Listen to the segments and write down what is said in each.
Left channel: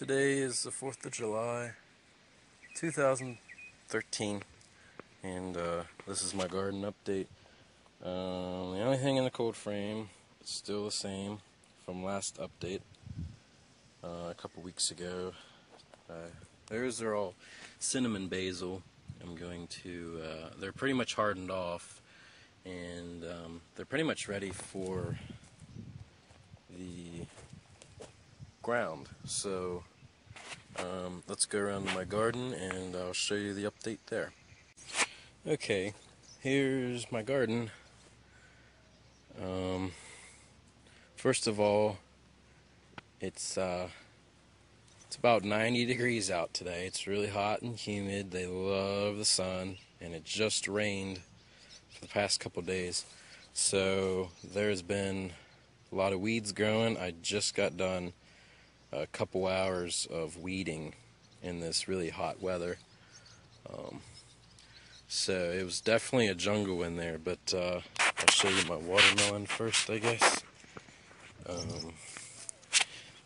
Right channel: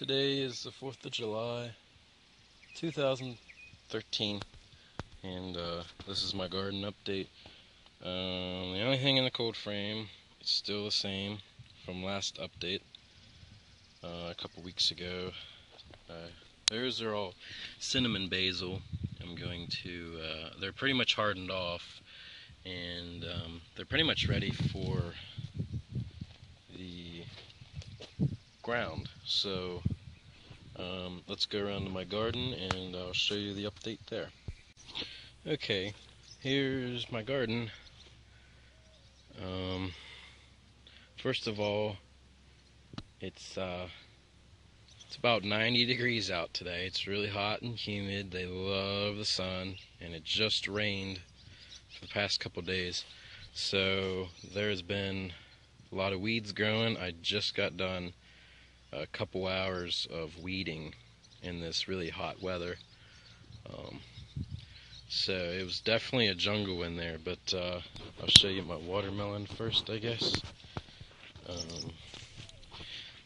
Today is the 4th of July, 2013, and this is my garden update. The only thing in the cold frame is still the same from last update a couple weeks ago. Those are all cinnamon basil. They're pretty much hardened off, and they're pretty much ready for the ground. So let's go around my garden and I'll show you the update there. Okay, here's my garden. First of all, it's about 90 degrees out today. It's really hot and humid. They love the sun, and it just rained for the past couple days. So there's been a lot of weeds growing. I just got done a couple hours of weeding in this really hot weather. So it was definitely a jungle in there, but I'll show you my watermelon first, I guess.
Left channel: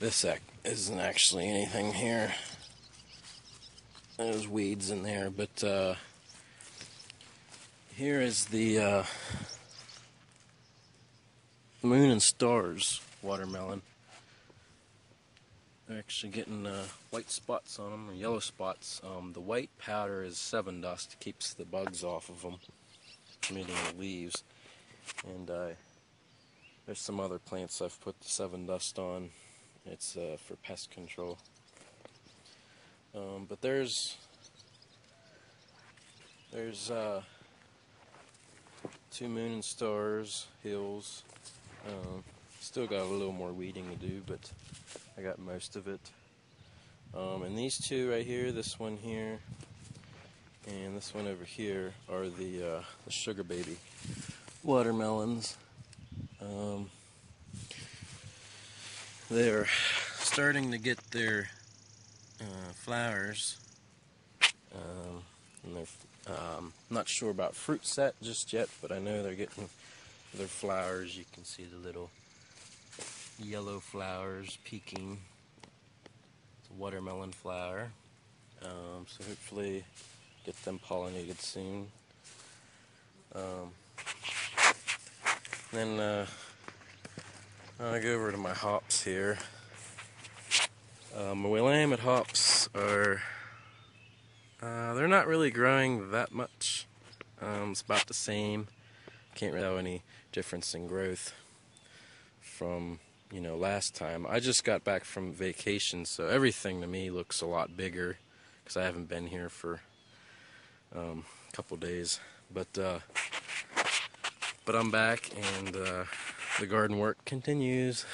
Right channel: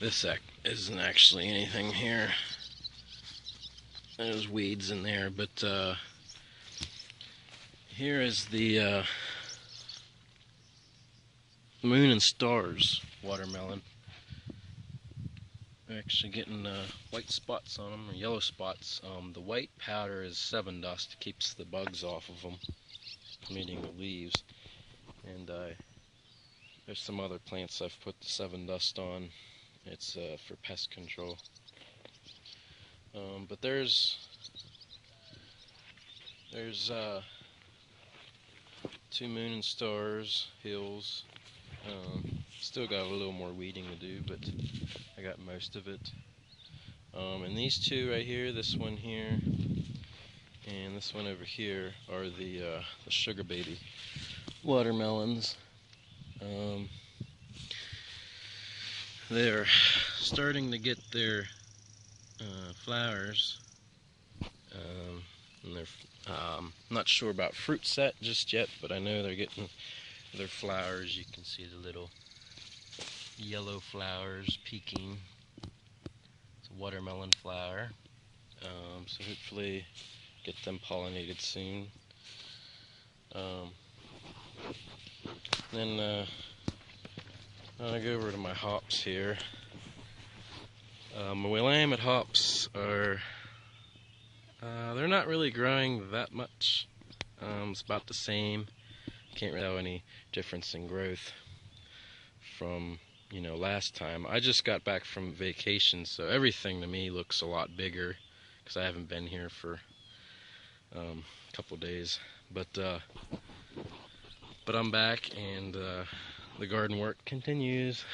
This isn't actually anything here. There's weeds in there, but here is the Moon and Stars watermelon. Actually getting white spots on them, or yellow spots. The white powder is Sevin Dust, keeps the bugs off of them, made on the leaves. And there's some other plants I've put the Sevin Dust on. It's for pest control. But there's two Moon and Stars hills. Still got a little more weeding to do, but I got most of it. And these two right here, this one here, and this one over here, are the Sugar Baby watermelons. They're starting to get their flowers, and they're not sure about fruit set just yet, but I know they're getting their flowers. You can see the little yellow flowers peeking. It's a watermelon flower, so hopefully get them pollinated soon. Then I go over to my hops here. My Willamette hops are, they're not really growing that much. It's about the same. Can't really tell any difference in growth from, last time. I just got back from vacation, so everything to me looks a lot bigger because I haven't been here for a couple days. But I'm back, and the garden work continues.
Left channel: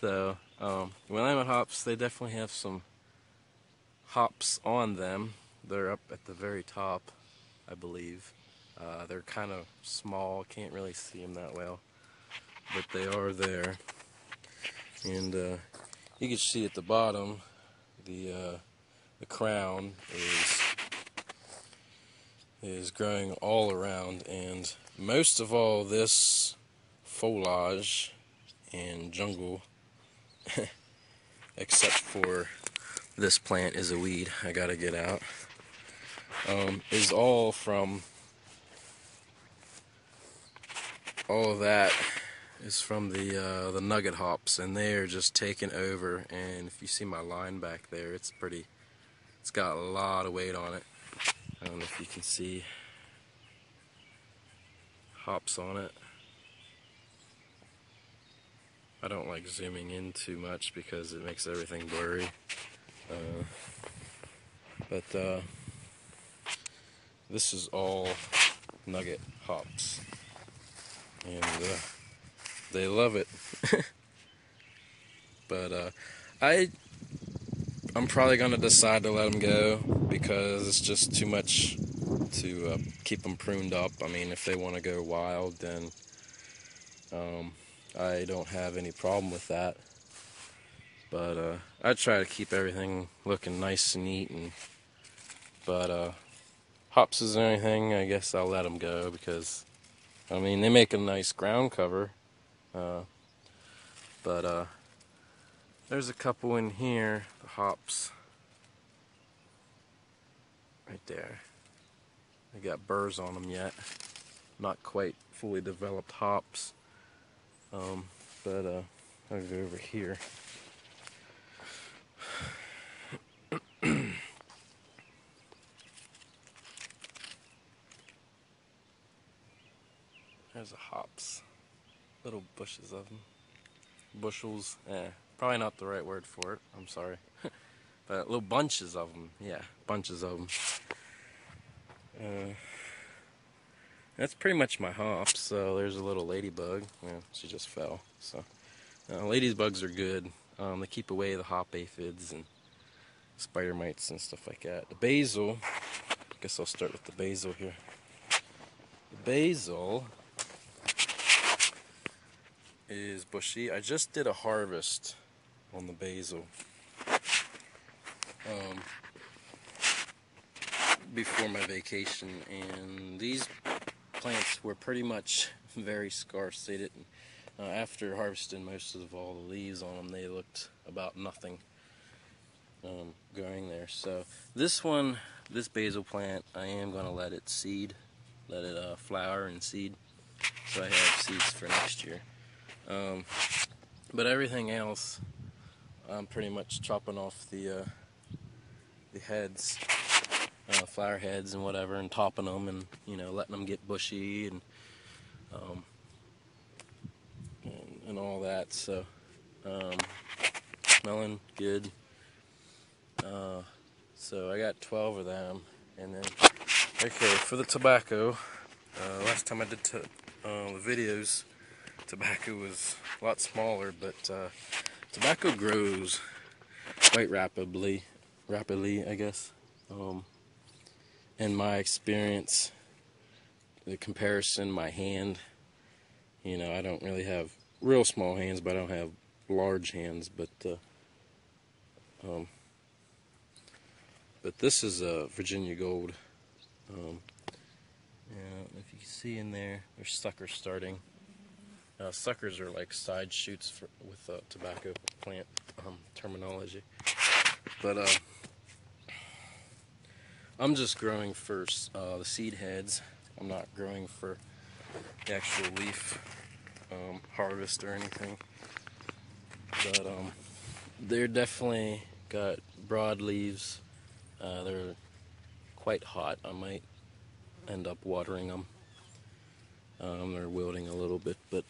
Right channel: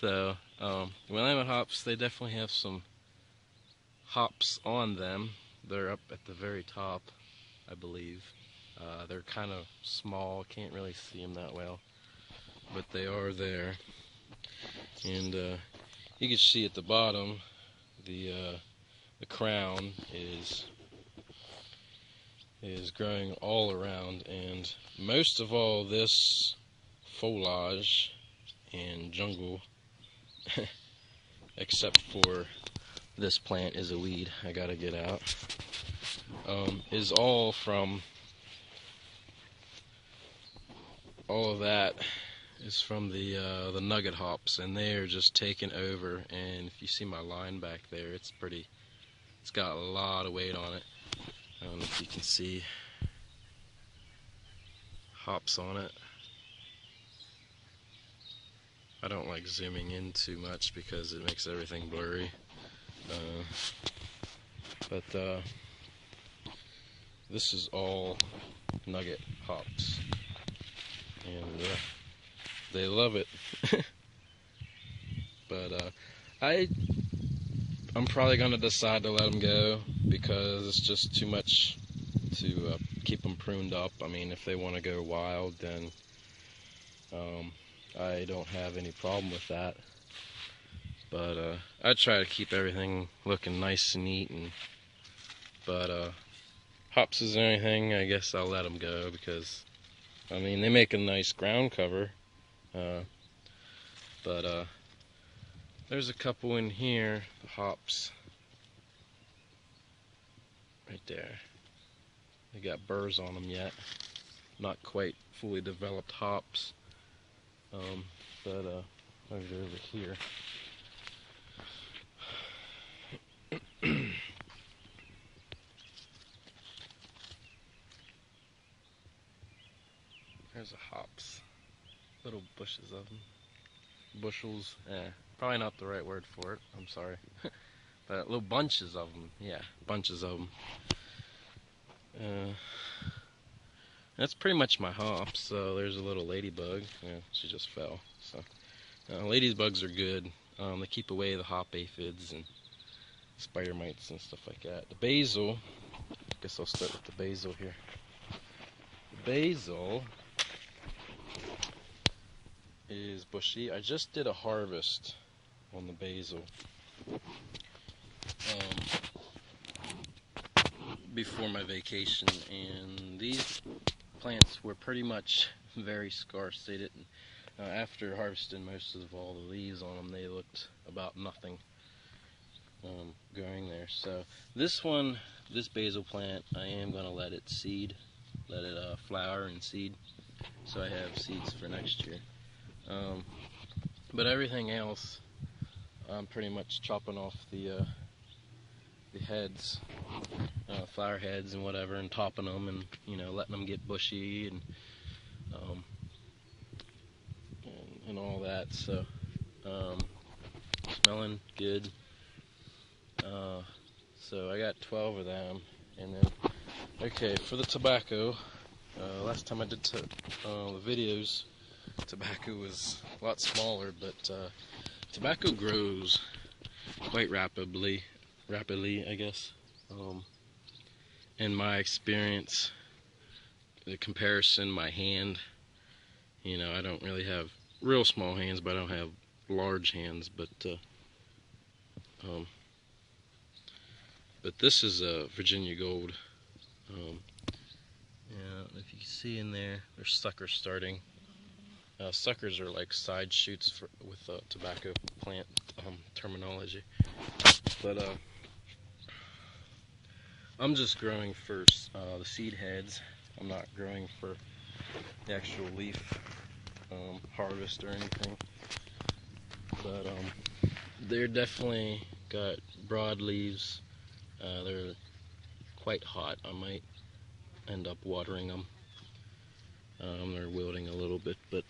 So, Willamette hops, they definitely have some hops on them. They're up at the very top, I believe. They're kind of small, can't really see them that well, but they are there. And you can see at the bottom, the crown is growing all around, and most of all this foliage and jungle, except for this plant is a weed I gotta get out, is all of that is from the nugget hops, and they are just taking over. And if you see my line back there, it's got a lot of weight on it. I don't know if you can see hops on it. I don't like zooming in too much because it makes everything blurry. But this is all nugget hops, and they love it. But I'm probably going to decide to let them go because it's just too much to keep them pruned up. I mean, if they want to go wild, then I don't have any problem with that. But I try to keep everything looking nice and neat. But hops is anything, I guess I'll let them go because, I mean, they make a nice ground cover. But There's a couple in here, the hops, right there. They got burrs on them yet, not quite fully developed hops. But I'll go over here. There's the hops, little bushes of them. Bushels, probably not the right word for it, I'm sorry. But little bunches of them, yeah, bunches of them. That's pretty much my hops. So there's a little ladybug, she just fell. So ladybugs are good. They keep away the hop aphids and spider mites and stuff like that. The basil, I guess I'll start with the basil here. The basil is bushy. I just did a harvest on the basil before my vacation, and these plants were pretty much very scarce. They didn't, after harvesting most of all the leaves on them, they looked about nothing growing there. So this basil plant, I am going to let it seed, let it flower and seed, so I have seeds for next year. But everything else, I'm pretty much chopping off the heads, flower heads and whatever, and topping them, and letting them get bushy and all that. So smelling good. So I got 12 of them, and then okay, for the tobacco, last time I did the videos, tobacco was a lot smaller, but tobacco grows quite rapidly, I guess. In my experience, the comparison, my hand, I don't really have real small hands, but I don't have large hands, but this is a Virginia Gold. I don't know if you can see in there, there's suckers starting. Suckers are like side shoots with tobacco plant terminology. But I'm just growing for the seed heads. I'm not growing for the actual leaf harvest or anything. But they're definitely got broad leaves. They're quite hot. I might end up watering them. They're wilting a little bit, but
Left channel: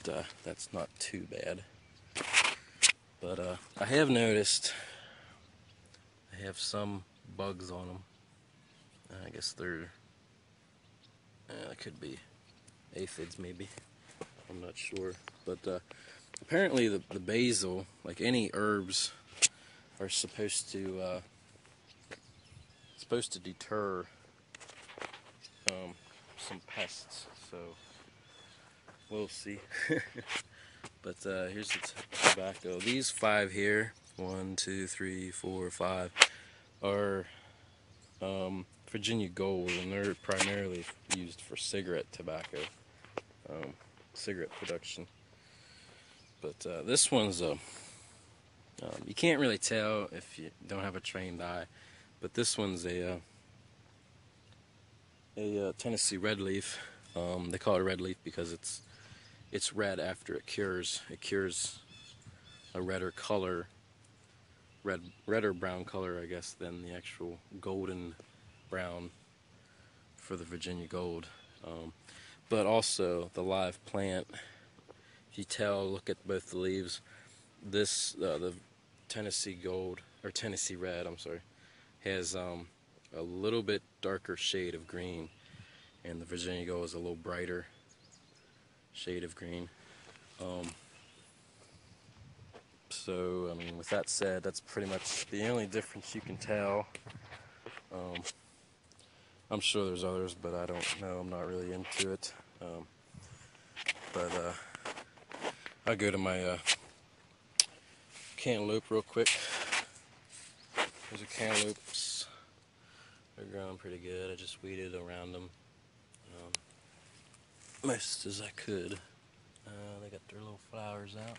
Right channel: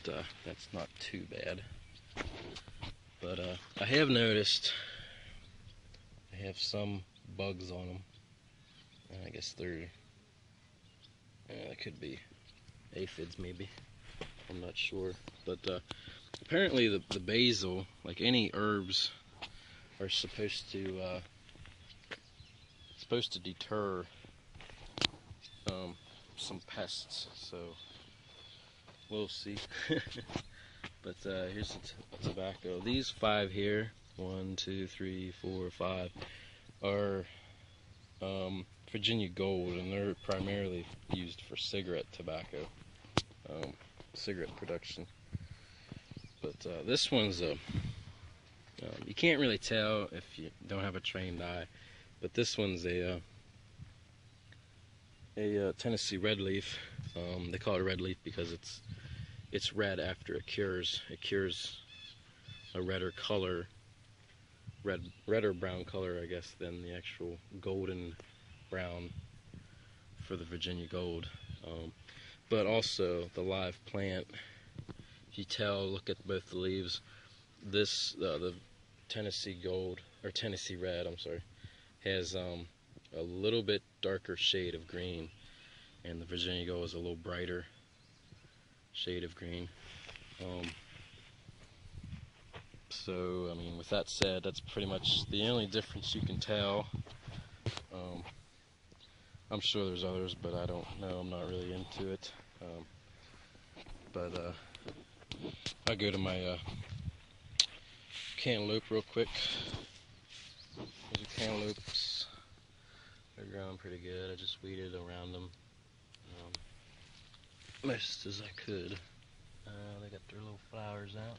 that's not too bad. But I have noticed they have some bugs on them. I guess they could be aphids, maybe. I'm not sure. But apparently the basil, like any herbs, are supposed to deter some pests. So we'll see. But here's the tobacco. These 5 here, 1, 2, 3, 4, 5, are Virginia Gold, and they're primarily used for cigarette tobacco, cigarette production. But this one's you can't really tell if you don't have a trained eye, but this one's a Tennessee red leaf. They call it a red leaf because it's red after it cures. It cures a redder color, red or brown color, I guess, than the actual golden brown for the Virginia Gold. But also the live plant, if you tell, look at both the leaves, this the Tennessee Gold, or Tennessee Red, I'm sorry, has a little bit darker shade of green, and the Virginia Gold is a little brighter shade of green. So, I mean, with that said, that's pretty much the only difference you can tell. I'm sure there's others, but I don't know. I'm not really into it. But I'll go to my cantaloupe real quick. These are cantaloupes. They're growing pretty good. I just weeded around them most as I could. They got their little flowers out.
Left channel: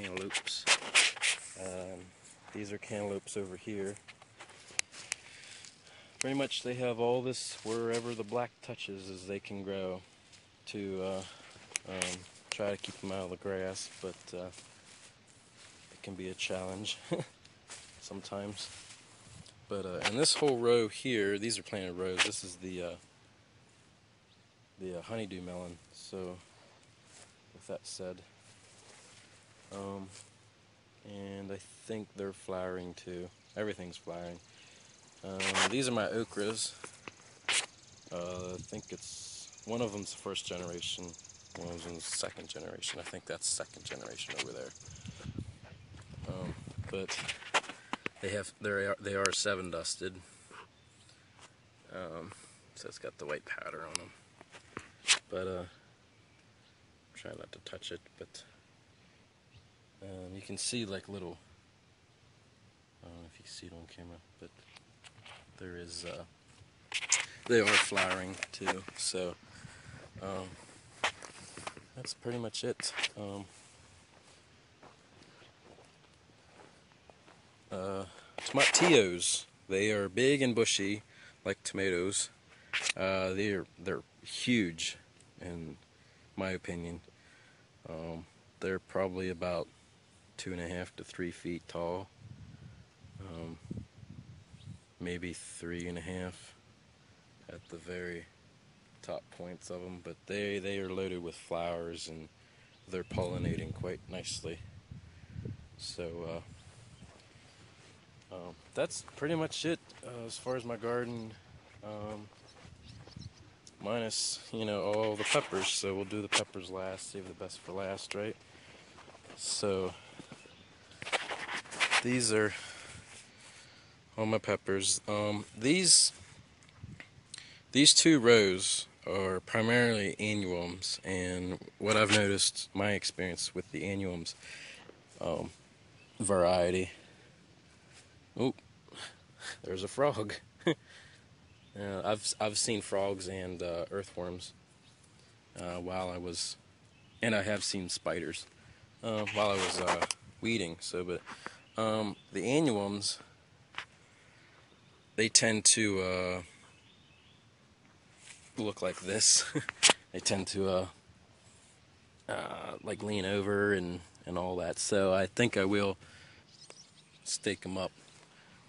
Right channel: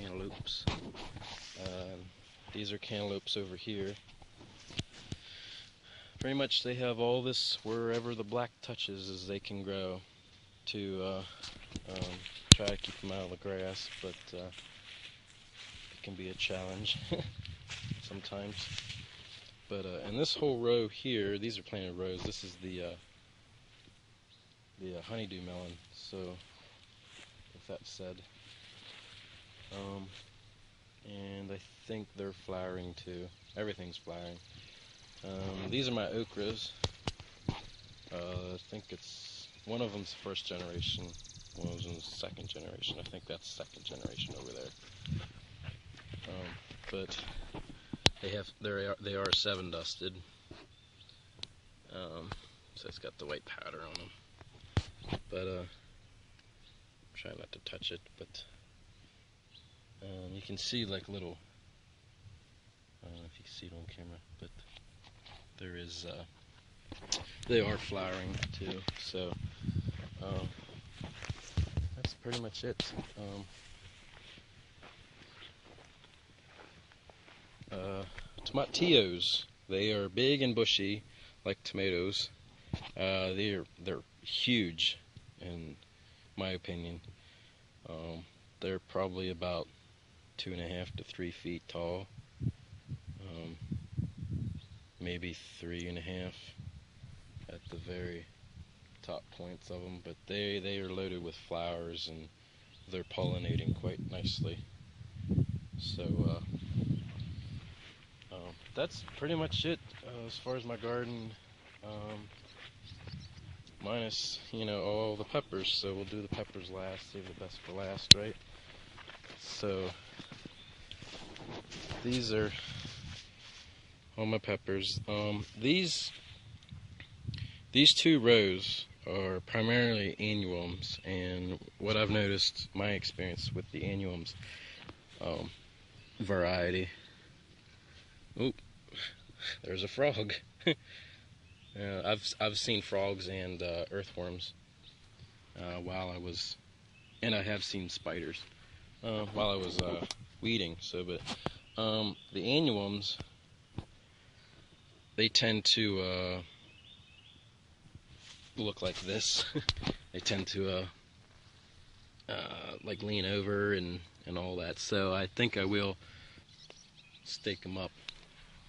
cantaloupes. These are cantaloupes over here. Pretty much they have all this wherever the black touches as they can grow to try to keep them out of the grass, but it can be a challenge sometimes. But and this whole row here, these are planted rows. This is the honeydew melon. So, with that said, and I think they're flowering too. Everything's flowering. These are my okras. I think it's one of them's first generation, one of them's second generation. I think that's second generation over there. But they are 7 dusted. So it's got the white powder on them. But try not to touch it. But you can see like little. I don't know if you can see it on camera, but there is. They are flowering too. So that's pretty much it. Tomatillos. They are big and bushy, like tomatoes. They're huge, in my opinion. They're probably about 2.5 to 3 feet tall. Maybe 3.5 at the very top points of them. But they are loaded with flowers and they're pollinating quite nicely. So that's pretty much it as far as my garden, minus, all the peppers. So we'll do the peppers last, save the best for last, right? So these are all my peppers. These 2 rows are primarily annuums, and what I've noticed, my experience with the annuums variety. Oh, there's a frog. I've seen frogs and earthworms while I was, and I have seen spiders while I was weeding. So, but the annuums, they tend to look like this. They tend to like lean over and all that. So I think I will stake them up.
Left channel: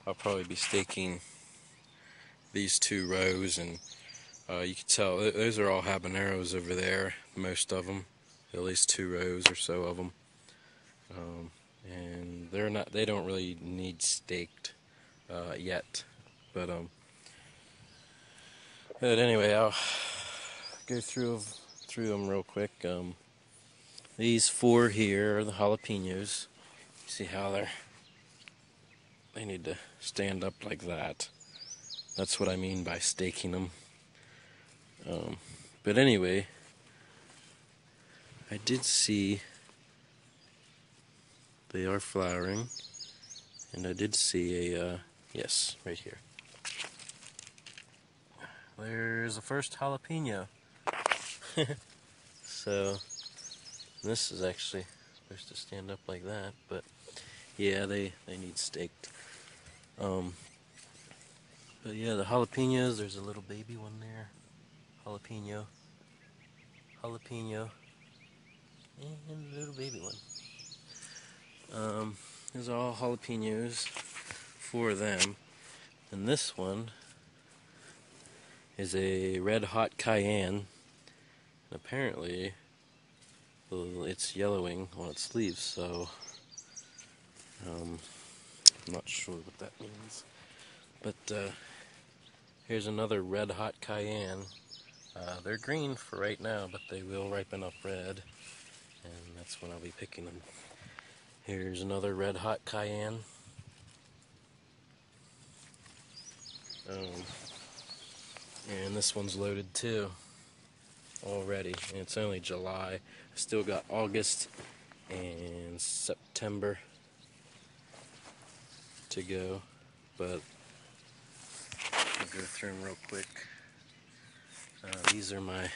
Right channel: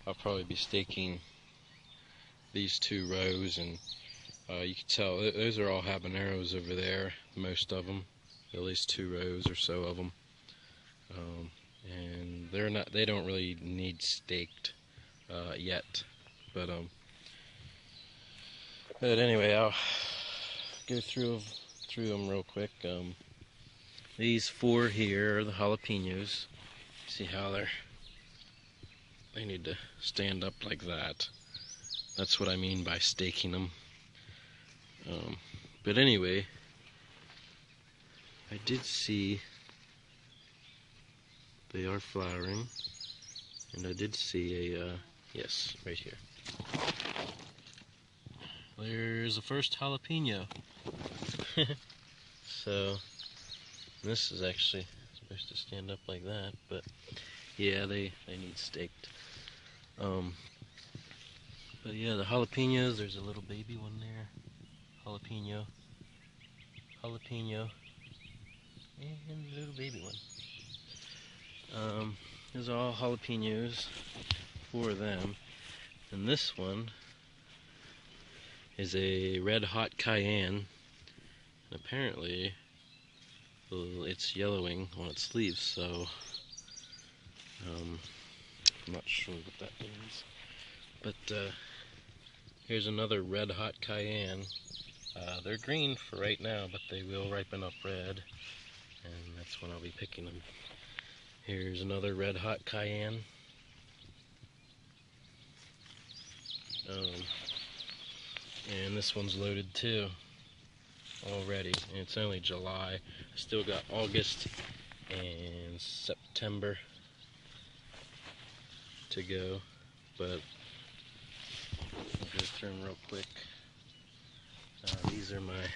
I'll probably be staking these 2 rows, and you can tell those are all habaneros over there, most of them, at least 2 rows or so of them, and they don't really need staked yet, but anyway, I'll go through them real quick. These 4 here are the jalapenos. See how they need to stand up like that. That's what I mean by staking them. But anyway, I did see they are flowering, and I did see a, yes, right here. There's the first jalapeno. So, this is actually supposed to stand up like that, but yeah, they need staked. But yeah, the jalapenos, there's a little baby one there. Jalapeno, and a little baby one. These are all jalapenos, 4 of them. And this one is a red hot cayenne. Apparently, it's yellowing on its leaves, so I'm not sure what that means. But here's another red hot cayenne. They're green for right now, but they will ripen up red, and that's when I'll be picking them. Here's another red hot cayenne. And this one's loaded too already. And it's only July. Still got August and September to go, but I'll go through them real quick. These are my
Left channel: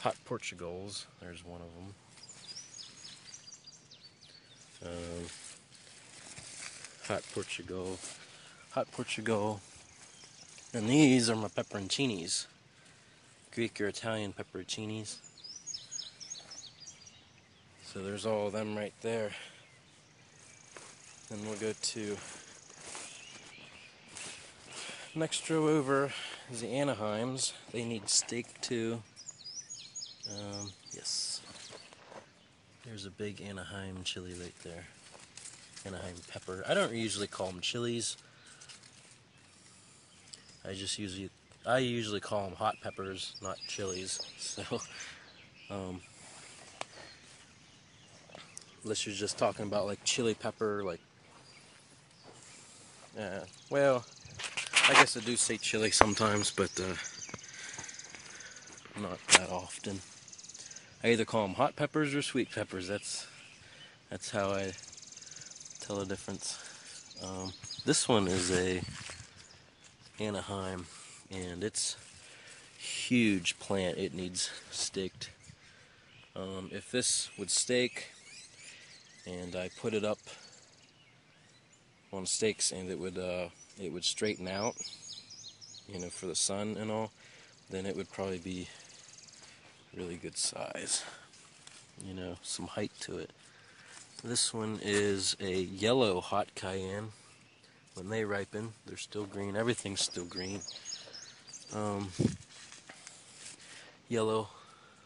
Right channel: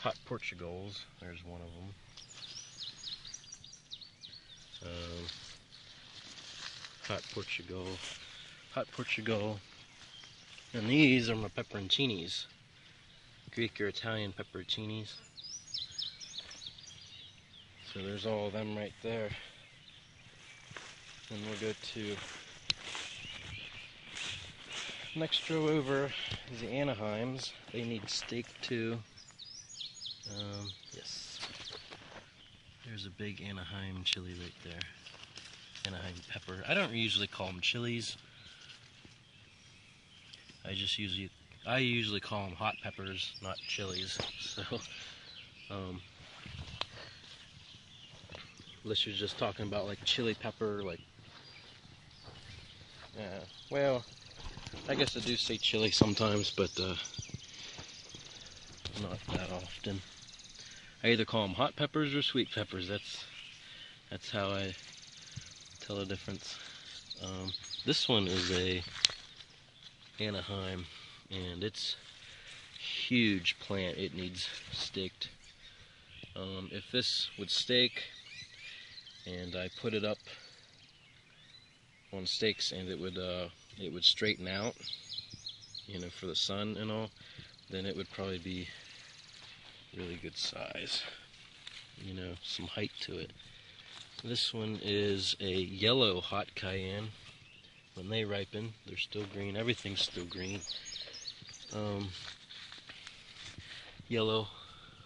hot Portugals. There's one of them. hot Portugal, and these are my pepperoncinis, Greek or Italian pepperoncinis. So there's all of them right there. And we'll go to next row over is the Anaheims. They need steak too. Yes. There's a big Anaheim chili right there. Anaheim pepper. I don't usually call them chilies. I usually call them hot peppers, not chilies. So, unless you're just talking about like chili pepper, like, well, I guess I do say chili sometimes, but not that often. I either call them hot peppers or sweet peppers. That's how I tell the difference. This one is a Anaheim, and it's huge plant. It needs staked. If this would stake, and I put it up on stakes, and it would straighten out, you know, for the sun and all, then it would probably be really good size. You know, some height to it. This one is a yellow hot cayenne. When they ripen, they're still green. Everything's still green. Yellow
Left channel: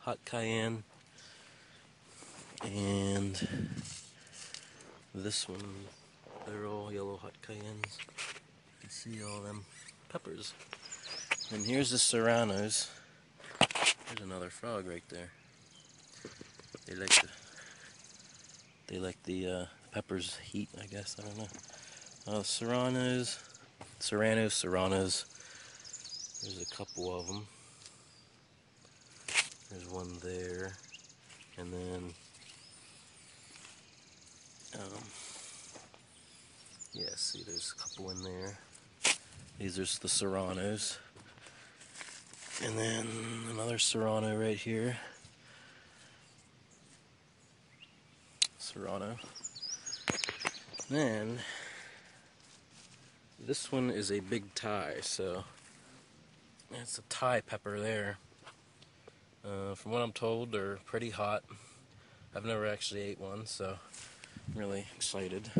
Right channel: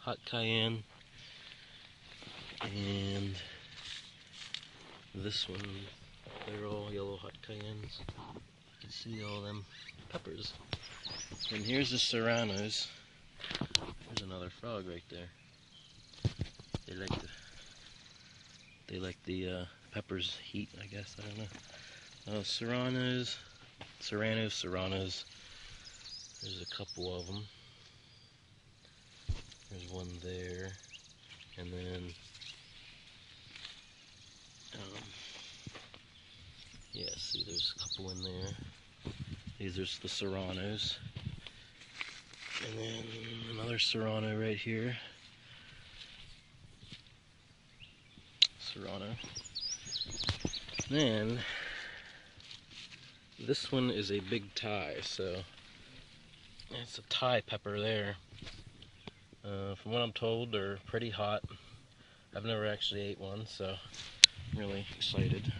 hot cayenne. And this one, they're all yellow hot cayennes. I see all them peppers. And here's the serranos. There's another frog right there. They like the peppers heat, I guess. I don't know. Serranos. There's a couple of them. There's one there, and then yeah, see, there's a couple in there. These are the serranos, and then another serrano right here. Serrano. Then this one is a big Thai, so it's a Thai pepper there. From what I'm told, they're pretty hot. I've never actually ate one, so I'm really excited.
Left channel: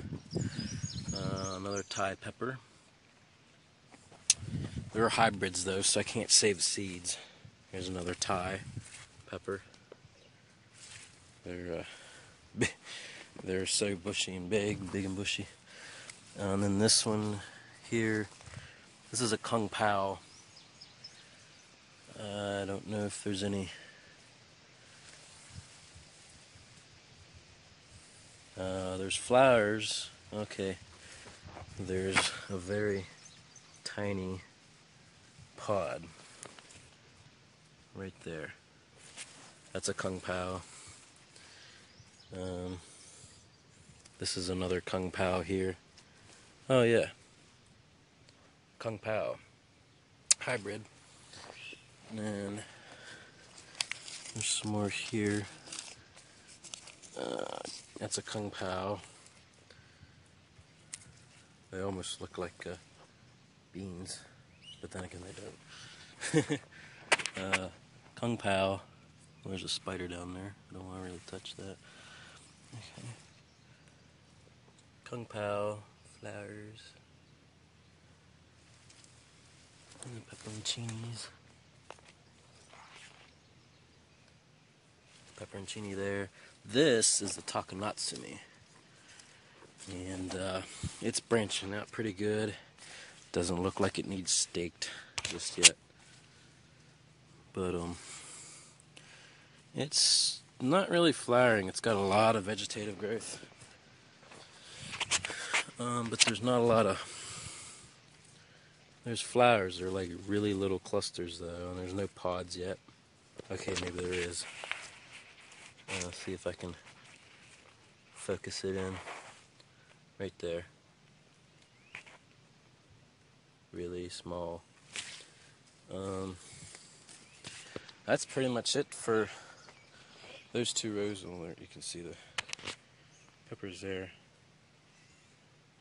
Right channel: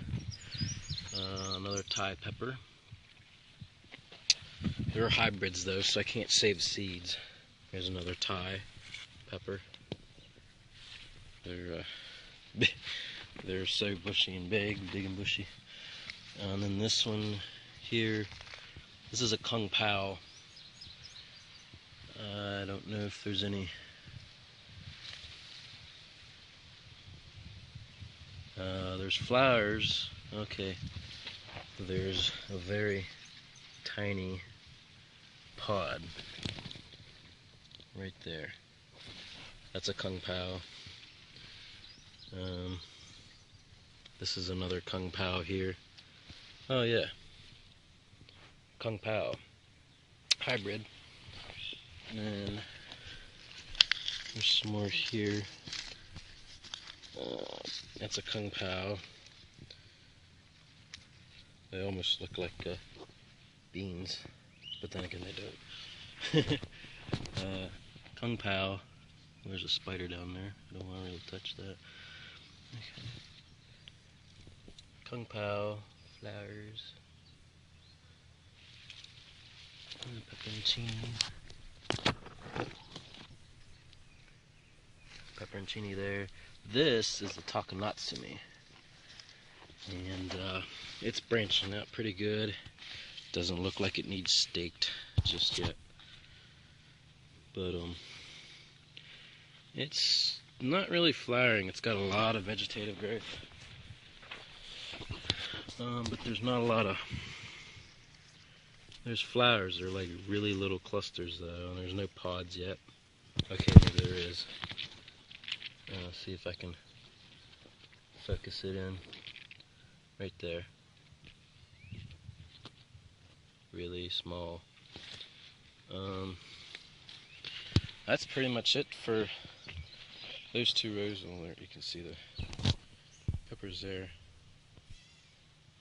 Another Thai pepper. They're hybrids though, so I can't save the seeds. There's another Thai pepper. They're so bushy and big and bushy. And then this one here, this is a Kung Pao. I don't know if there's any. There's flowers. Okay. There's a very tiny pod right there. That's a Kung Pao. This is another Kung Pao here. Oh yeah. Kung Pao. Hybrid. And there's some more here. That's a Kung Pao. They almost look like beans, but then again they don't. Kung Pao. There's a spider down there. I don't want to really touch that. Okay. Kung Pao, flowers, pepperoncini there. This is the Takanatsumi, and it's branching out pretty good. Doesn't look like it needs staked just yet, but it's not really flowering. It's got a lot of vegetative growth, but there's not a lot of. There's flowers. They're like really little clusters though, and there's no pods yet. Okay, maybe there is. Let's see if I can focus it in. Right there. Really small. That's pretty much it for those two rows. You can see the peppers there.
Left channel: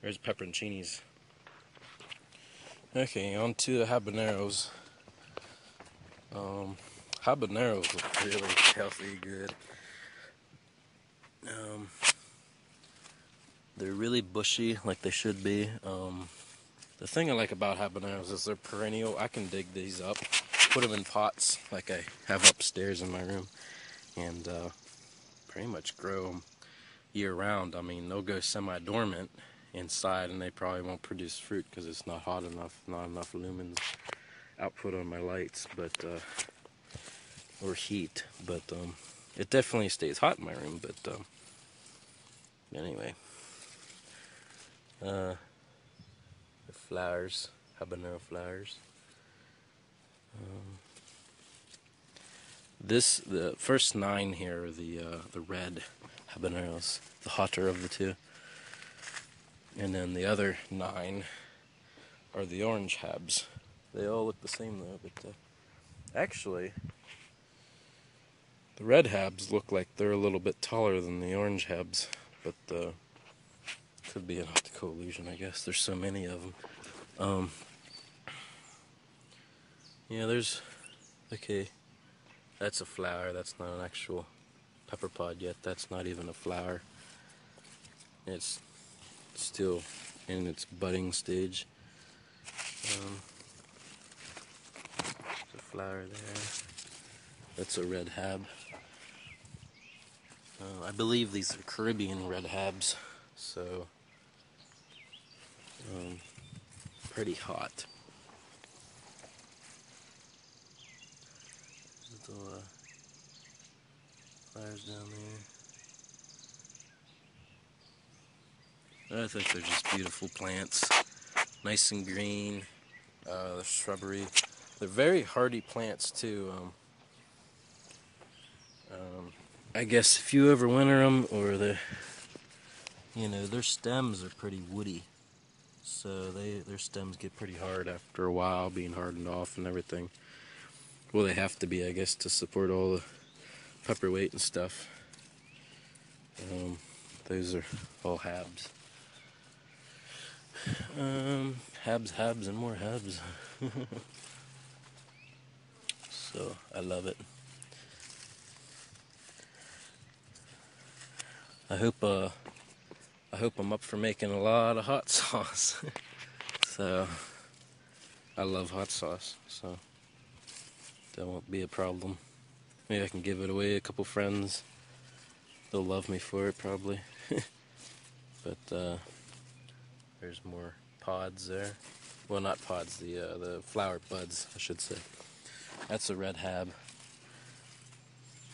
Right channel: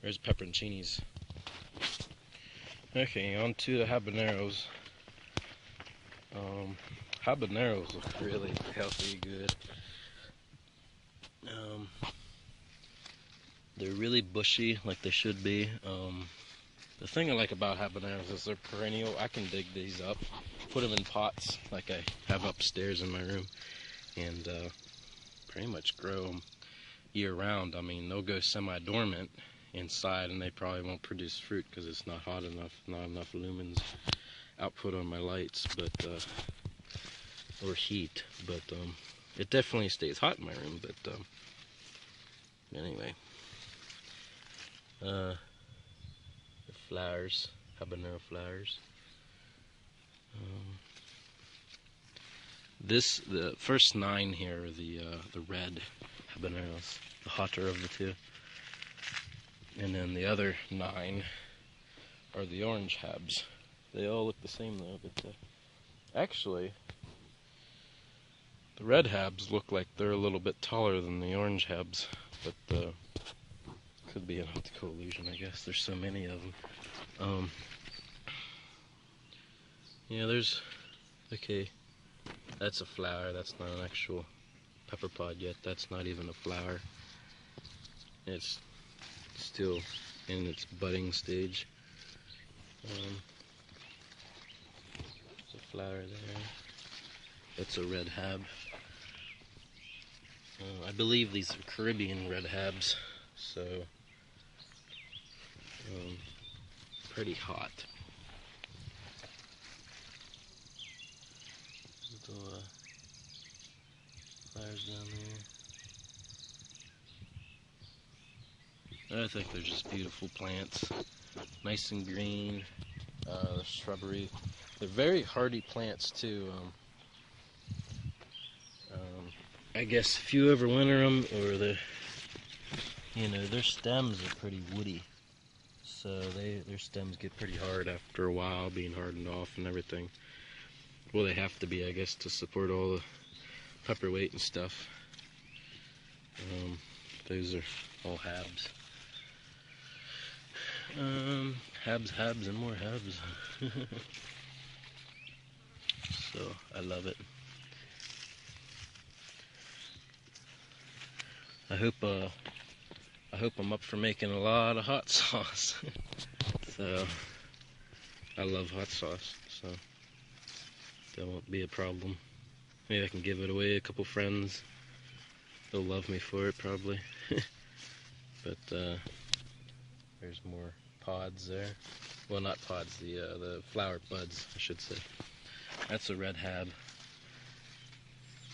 There's pepperoncinis. Okay, on to the habaneros. Habaneros look really healthy, good. They're really bushy, like they should be. The thing I like about habaneros is they're perennial. I can dig these up, put them in pots like I have upstairs in my room, and pretty much grow them year round. I mean, they'll go semi-dormant inside, and they probably won't produce fruit because it's not hot enough, not enough lumens output on my lights, but or heat. But it definitely stays hot in my room. But anyway, the flowers, habanero flowers. The first 9 here are the red habaneros, the hotter of the two, and then the other 9 are the orange habs. They all look the same though. But actually, the red habs look like they're a little bit taller than the orange habs, but could be an optical illusion, I guess. There's so many of them. Yeah, there's okay. That's a flower. That's not an actual pepper pod yet. That's not even a flower. It's still in its budding stage. There's a flower there. That's a red hab. I believe these are Caribbean red habs, so pretty hot. Flowers down there. I think they're just beautiful plants, nice and green. The shrubbery. They're very hardy plants too. I guess if you ever winter them, or their stems are pretty woody, so their stems get pretty hard after a while, being hardened off and everything. Well, they have to be, I guess, to support all the pepper weight and stuff. Those are all habs. Habs, and more habs. So I love it. I hope I'm up for making a lot of hot sauce. So I love hot sauce, so that won't be a problem. Maybe I can give it away to a couple friends. They'll love me for it probably. But there's more pods there. Well, not pods, the flower buds, I should say. That's a red hab.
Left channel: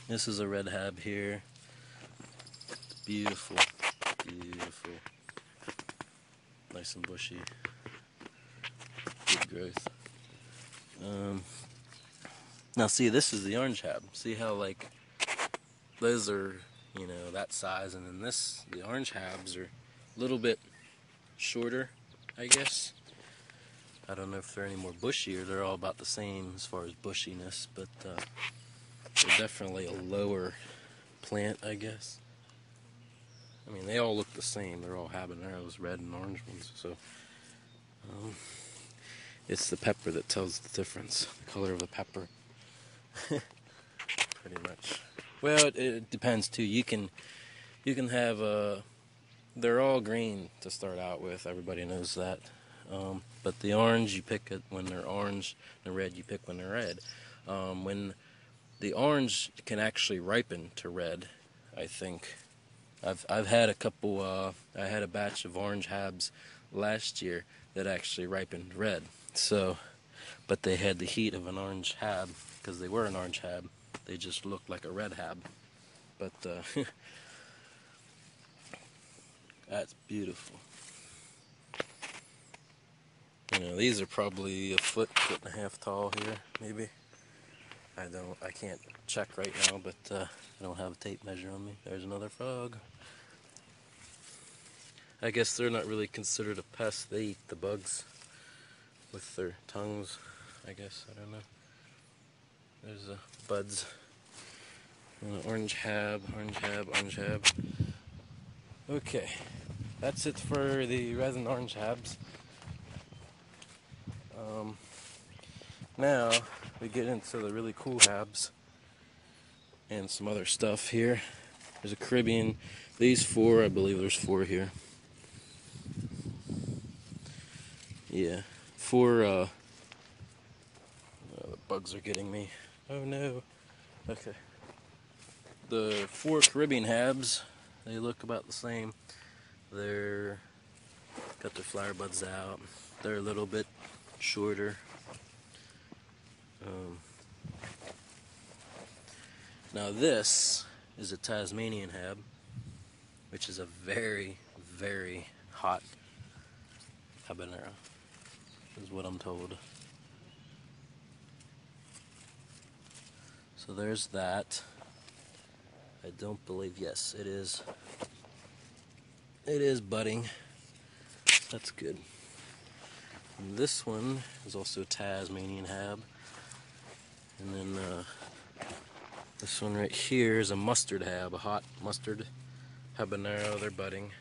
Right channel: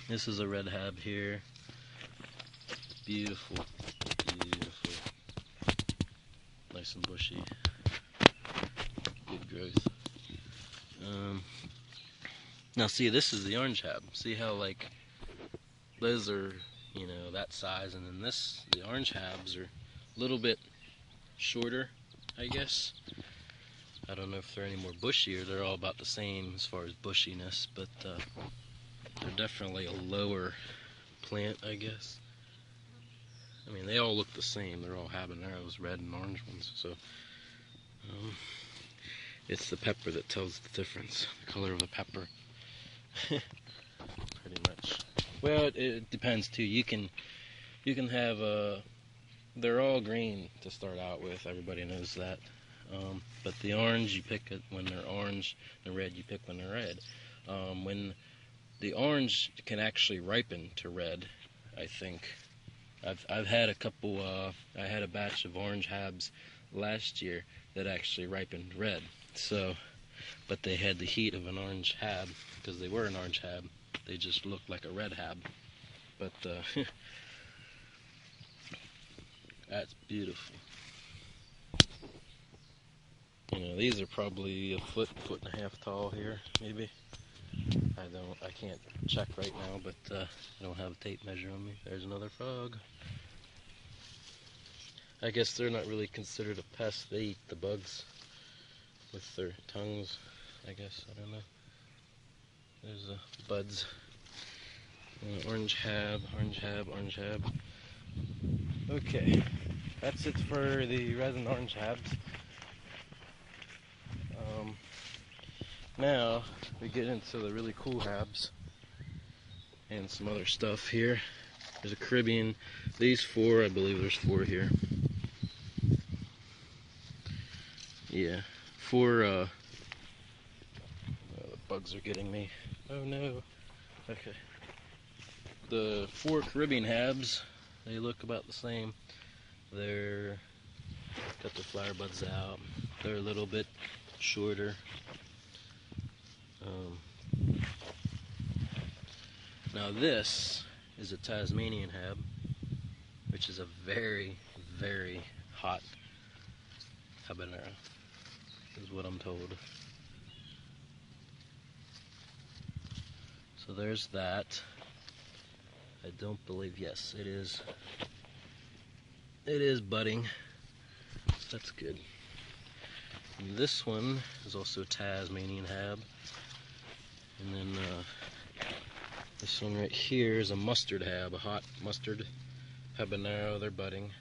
This is a red hab here. Beautiful, beautiful. Nice and bushy. Good growth. Now see, this is the orange hab. See how like those are, that size, and then the orange habs are a little bit shorter, I guess. I don't know if they're any more bushy or they're all about the same as far as bushiness, but they're definitely a lower plant, I guess. I mean, they all look the same. They're all habaneros, red and orange ones, so it's the pepper that tells the difference, the color of the pepper. Pretty much. Well, it depends too. You can have they're all green to start out with. Everybody knows that. But the orange you pick it when they're orange, the red you pick when they're red. When the orange can actually ripen to red, I think. I've had a couple. I had a batch of orange habs last year that actually ripened red. So, but they had the heat of an orange hab because they were an orange hab. They just looked like a red hab. But that's beautiful. These are probably a foot and a half tall here, maybe. I can't check right now, but I don't have a tape measure on me. There's another frog. I guess they're not really considered a pest. They eat the bugs with their tongues, I guess. I don't know. There's the buds. Orange hab, orange hab, orange hab. Okay, that's it for the resin orange habs. Now we get into the really cool habs and some other stuff here. There's a Caribbean. These four, I believe there's four here. Yeah, four. Oh, the bugs are getting me. Oh no. Okay. The four Caribbean habs, they look about the same. They're got their flower buds out. They're a little bit shorter. Now this is a Tasmanian hab, which is a very, very hot habanero, is what I'm told. So there's that. I don't believe, yes, it is. It is budding. That's good. And this one is also a Tasmanian hab. And then this one right here is a mustard hab, a hot mustard habanero. They're budding.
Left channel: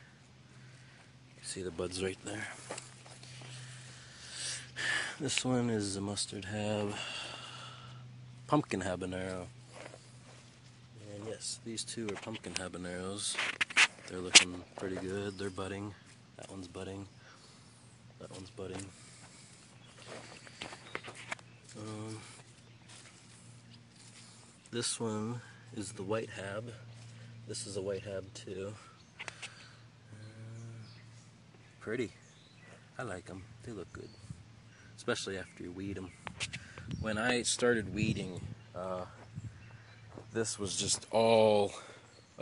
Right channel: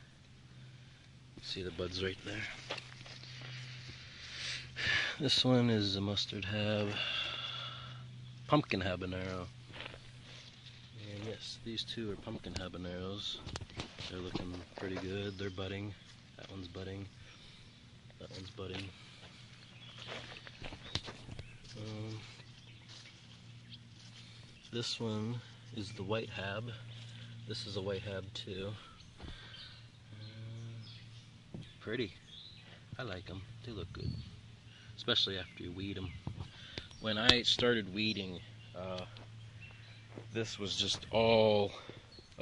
See the buds right there. This one is a mustard hab, pumpkin habanero. And yes, these two are pumpkin habaneros. They're looking pretty good. They're budding. That one's budding. That one's budding. This one is the white hab. This is a white hab too. Pretty. I like them. They look good. Especially after you weed them. When I started weeding, this was just all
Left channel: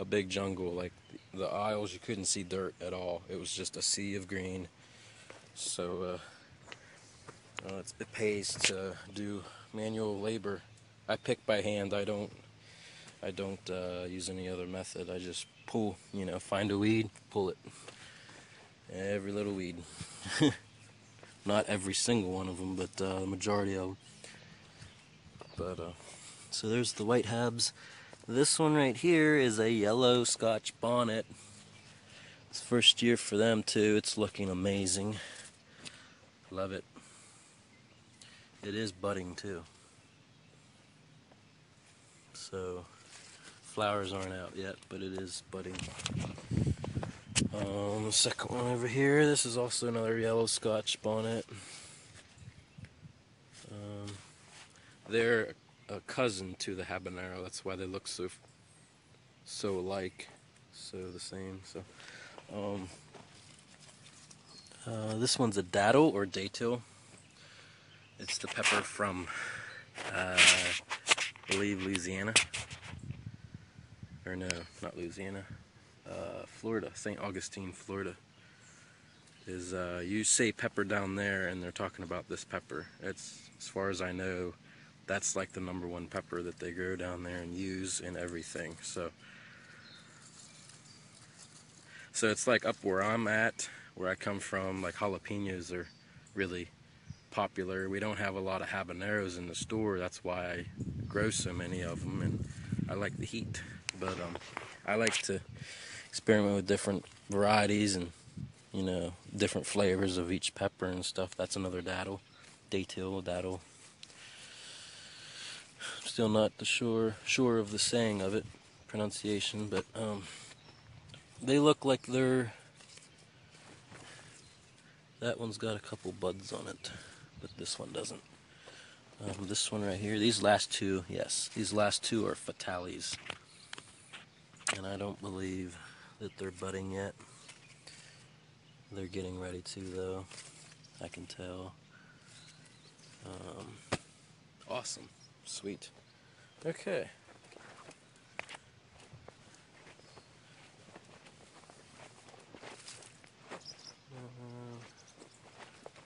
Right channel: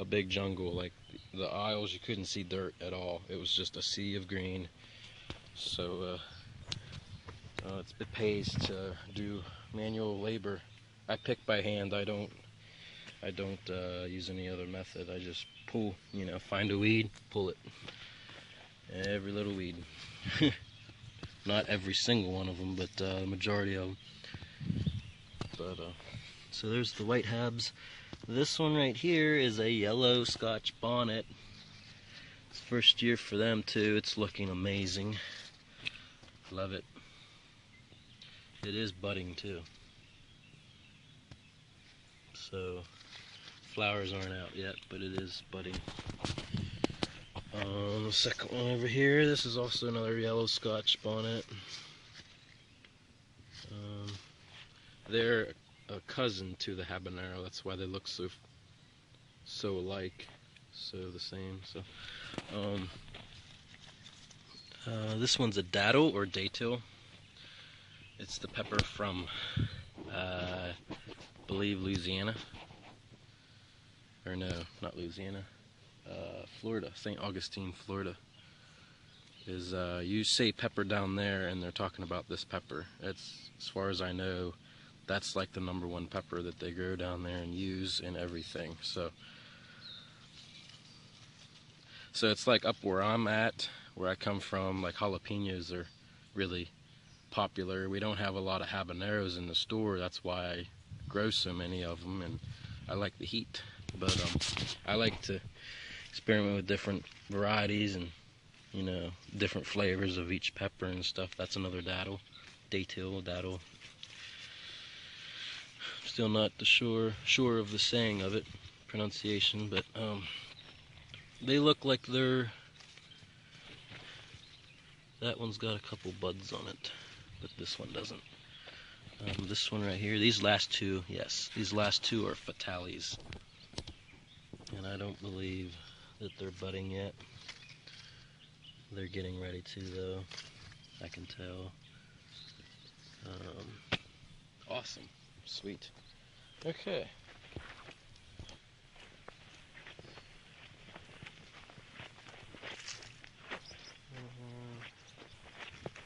a big jungle. Like the aisles, you couldn't see dirt at all. It was just a sea of green. So it pays to do manual labor. I pick by hand. I don't use any other method. I just pull. Find a weed, pull it. Every little weed. Not every single one of them, but the majority of them. But so there's the white habs. This one right here is a yellow Scotch bonnet. It's the first year for them too. It's looking amazing. Love it. It is budding too. So flowers aren't out yet, but it is budding. The second one over here, this is also another yellow Scotch bonnet. They're a cousin to the habanero. That's why they look so alike, so the same. So, this one's a datil or datil. It's the pepper from, I believe, Louisiana. Or no, not Louisiana. Florida, St. Augustine, Florida. You say pepper down there, and they're talking about this pepper. It's, as far as I know, that's like the number one pepper that they grow down there and use in everything. So it's like up where I'm at, where I come from. Like jalapenos are really popular. We don't have a lot of habaneros in the store. That's why I grow so many of them, and I like the heat. But I like to experiment with different varieties and different flavors of each pepper and stuff. That's another datil. Still not sure of the saying of it, pronunciation, but they look like they're. That one's got a couple buds on it, but this one doesn't. This one right here, these last two are fatales, and I don't believe that they're budding yet. They're getting ready to, though. I can tell. Awesome. Sweet. Okay.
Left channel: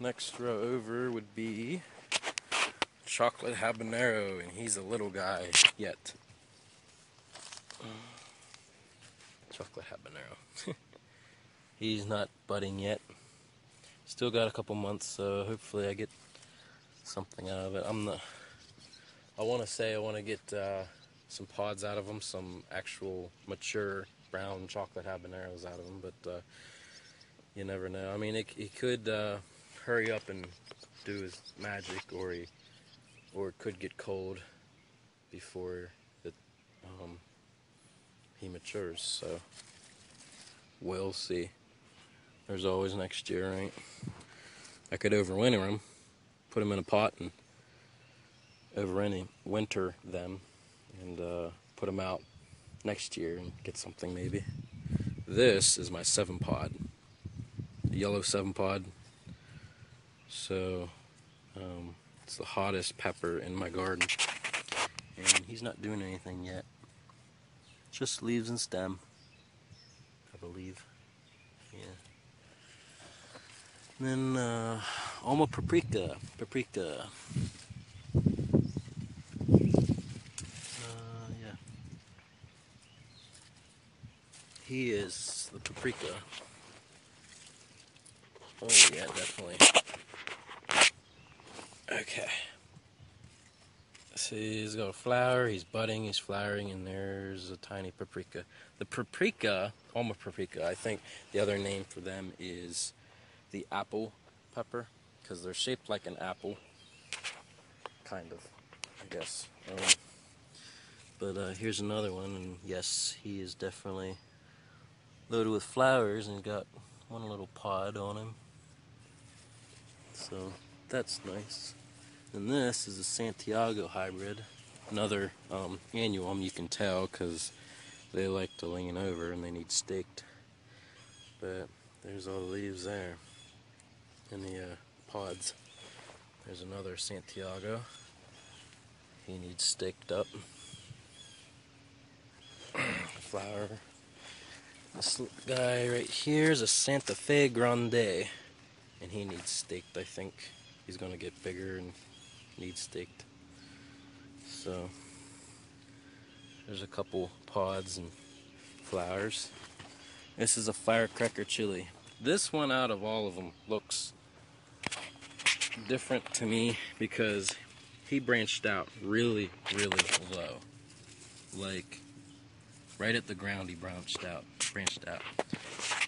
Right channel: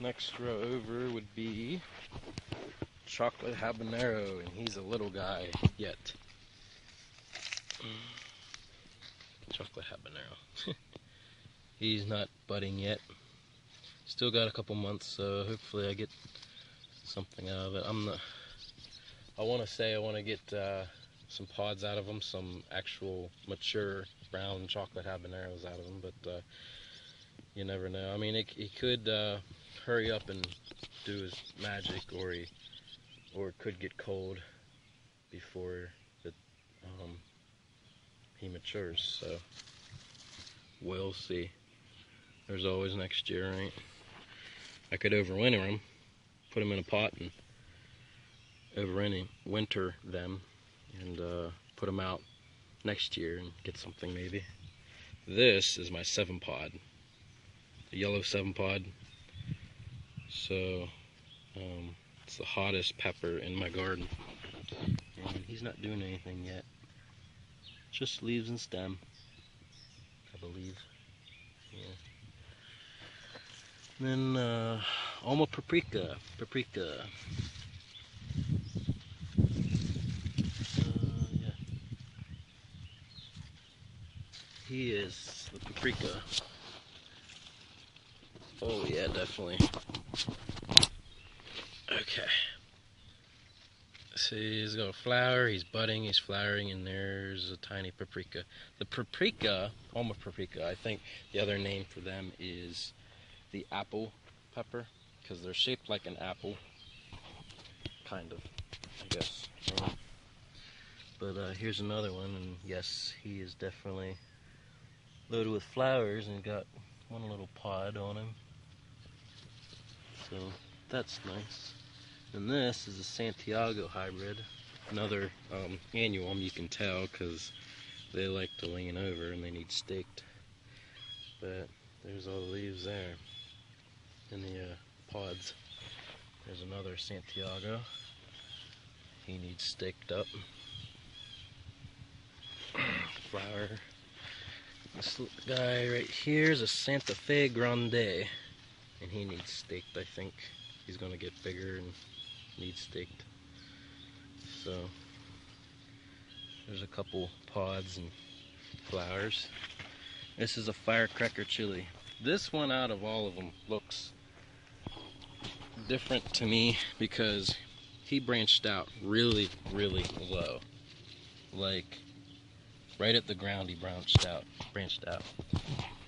Next row over would be chocolate habanero, and he's a little guy yet. Chocolate habanero. He's not budding yet. Still got a couple months, so hopefully I get something out of it. I want to get some pods out of them, some actual mature brown chocolate habaneros out of them, but You never know. I mean, he could hurry up and do his magic, or it could get cold before it um, he matures. So we'll see. There's always next year, right? I could overwinter them, put them in a pot, and winter them, and put them out next year and get something maybe. This is my 7-pod, yellow 7-pod. So it's the hottest pepper in my garden, and he's not doing anything yet. Just leaves and stem, I believe. Yeah. Then Alma paprika. Yeah. He is the paprika. Oh yeah, definitely. Okay. See, he's got a flower, he's budding, he's flowering, and there's a tiny paprika. The paprika, Alma paprika, I think the other name for them is the apple pepper, because they're shaped like an apple, kind of, I guess. But here's another one, and yes, he is definitely loaded with flowers and got one little pod on him. So that's nice. And this is a Santiago hybrid, another annuum. You can tell because they like to lean over and they need staked. But there's all the leaves there in the pods. There's another Santiago. He needs staked up. Flower. This guy right here is a Santa Fe Grande, and he needs staked. I think he's gonna get bigger and needs staked. So there's a couple pods and flowers. This is a firecracker chili. This one out of all of them looks different to me because he branched out really, really low. Like right at the ground he branched out.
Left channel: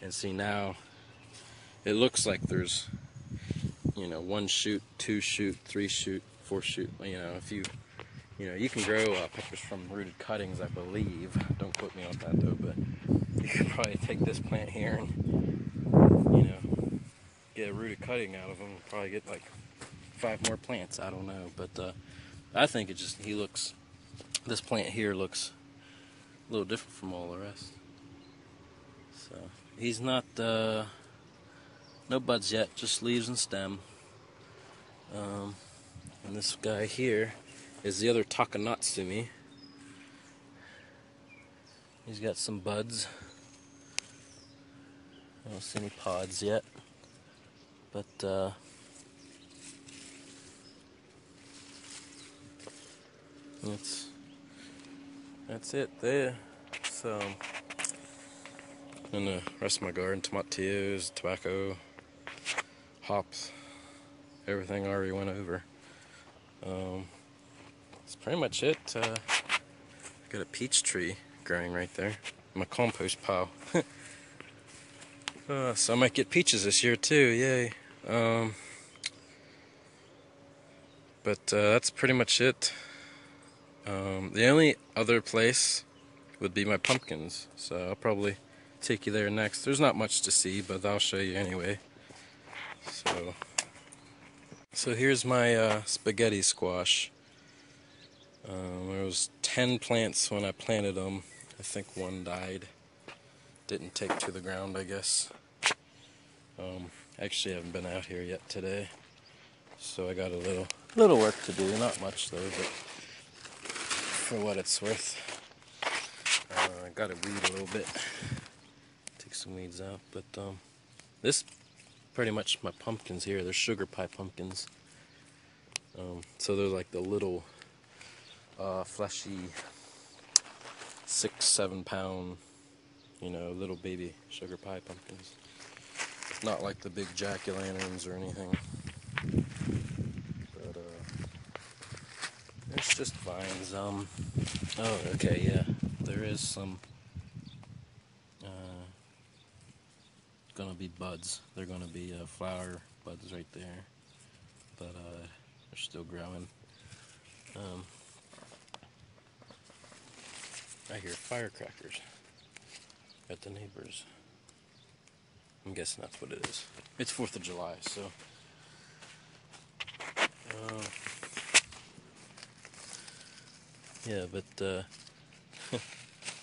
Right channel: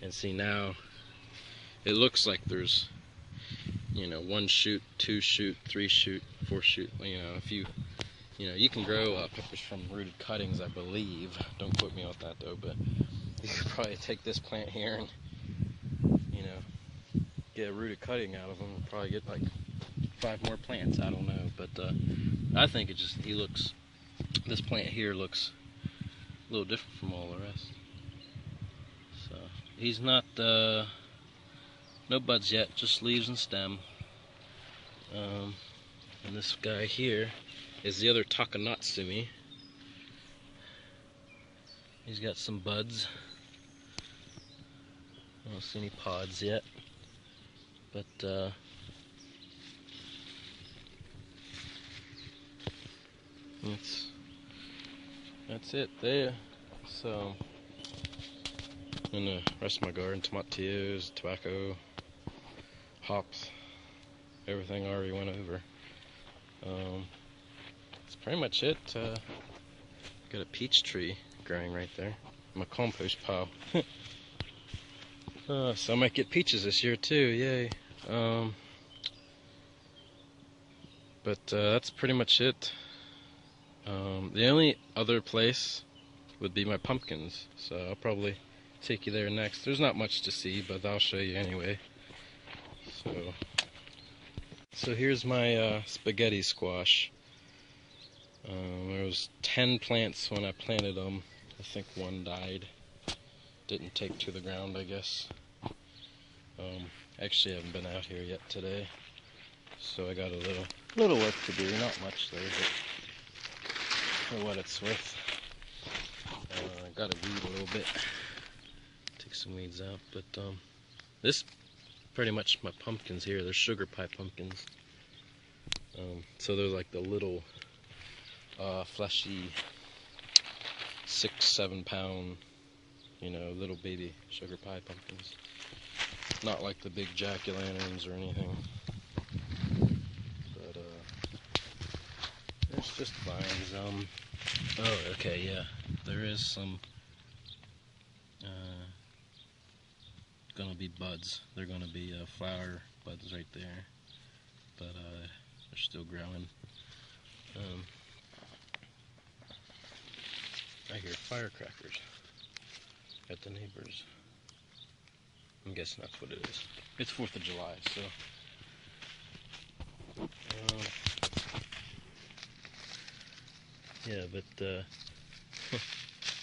And see now it looks like there's, 1 shoot, 2 shoot, 3 shoot, 4 shoot, if you can grow peppers from rooted cuttings, I believe. Don't quote me on that though, but you could probably take this plant here and, get a rooted cutting out of them and probably get like 5 more plants, I don't know. But I think this plant here looks a little different from all the rest. So he's not, no buds yet, just leaves and stem. And this guy here is the other Takanatsumi. He's got some buds. I don't see any pods yet, but that's it there. So and the rest of my garden, tomatillos, tobacco, hops, everything I already went over. That's pretty much it. Got a peach tree growing right there, my compost pile. So I might get peaches this year too, yay. But that's pretty much it. The only other place would be my pumpkins, so I'll probably take you there next. There's not much to see, but I'll show you anyway. So here's my spaghetti squash. There was 10 plants when I planted them. I think one died. Didn't take to the ground, I guess. Actually, I haven't been out here yet today, so I got a little work to do. Not much though, but for what it's worth. I got to weed a little bit. Took some weeds out, but this pretty much my pumpkins here. They're sugar pie pumpkins. So they're like the little fleshy 6-7 pound, little baby sugar pie pumpkins. Not like the big jack-o'-lanterns or anything. But it's just vines. Oh, okay, yeah. There is some gonna be bugs buds. They're going to be flower buds right there, but they're still growing. I hear firecrackers at the neighbors. I'm guessing that's what it is. It's 4th of July, so. Yeah, but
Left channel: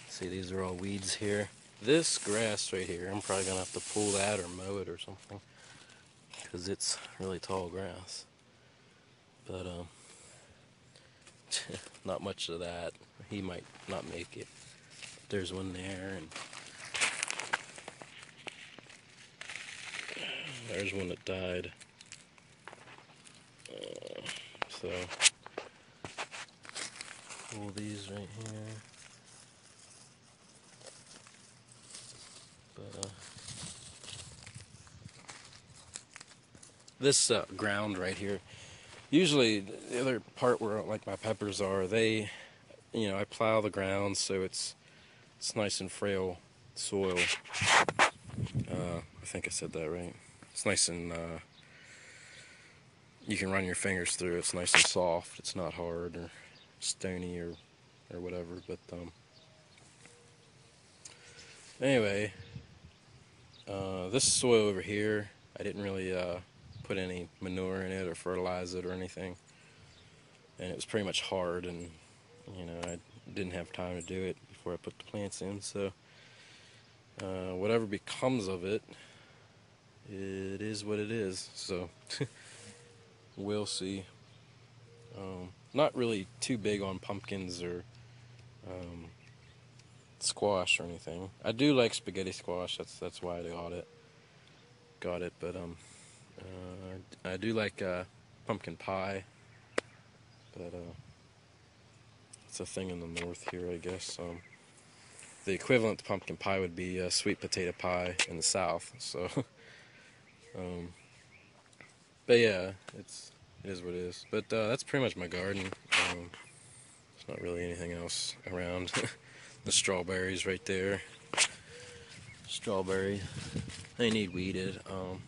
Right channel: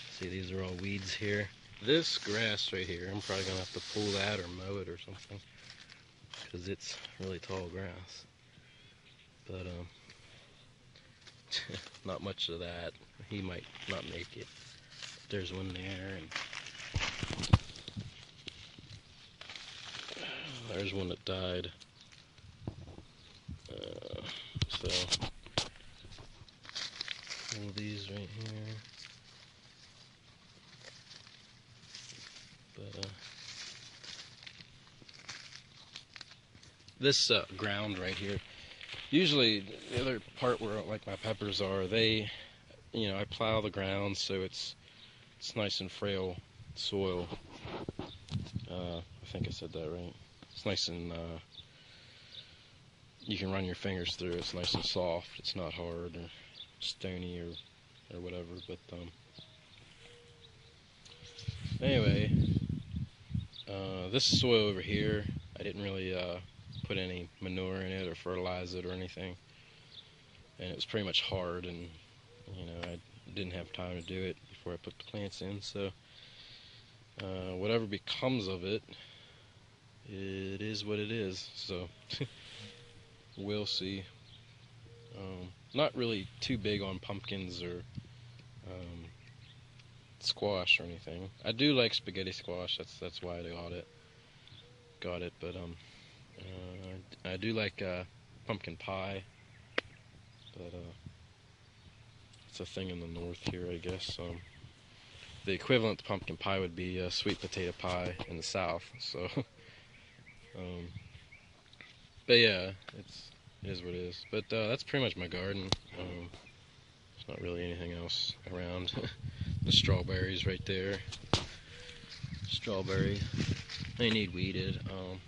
see, these are all weeds here. This grass right here, I'm probably gonna have to pull that or mow it or something, because it's really tall grass. But not much of that. He might not make it. There's one there, and there's one that died. So all these right here. But this ground right here. Usually, the other part where like my peppers are, they, I plow the ground so it's nice and frail soil. I think I said that right. It's nice and you can run your fingers through it. It's nice and soft. It's not hard or stony or whatever. But anyway, this soil over here, I didn't really put any manure in it or fertilize it or anything, and it was pretty much hard, and I didn't have time to do it before I put the plants in. So whatever becomes of it, it is what it is. So we'll see. Not really too big on pumpkins or squash or anything. I do like spaghetti squash. That's why I got it. But I do like pumpkin pie. But it's a thing in the north here, I guess. The equivalent to pumpkin pie would be sweet potato pie in the south. So, but yeah, it is what it is. But that's pretty much my garden. There's not really anything else around. The strawberries right there. Strawberry. They need weeded.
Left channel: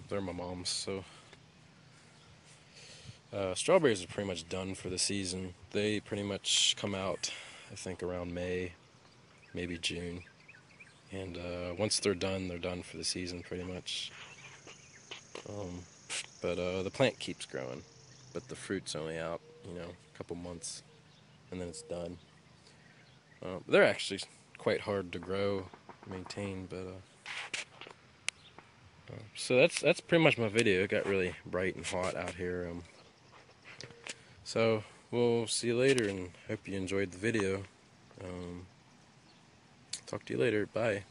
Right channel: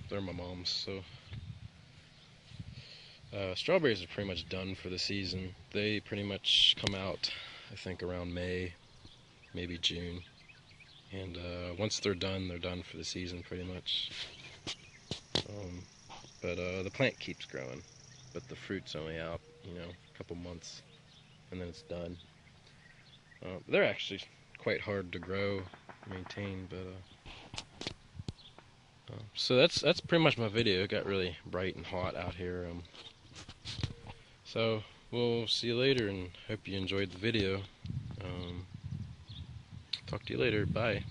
They're my mom's, so. Strawberries are pretty much done for the season. They pretty much come out, I think, around May, maybe June. And once they're done for the season, pretty much. But the plant keeps growing, but the fruit's only out, a couple months, and then it's done. They're actually quite hard to grow, maintain, but so that's pretty much my video. It got really bright and hot out here. So we'll see you later, and hope you enjoyed the video. Talk to you later. Bye.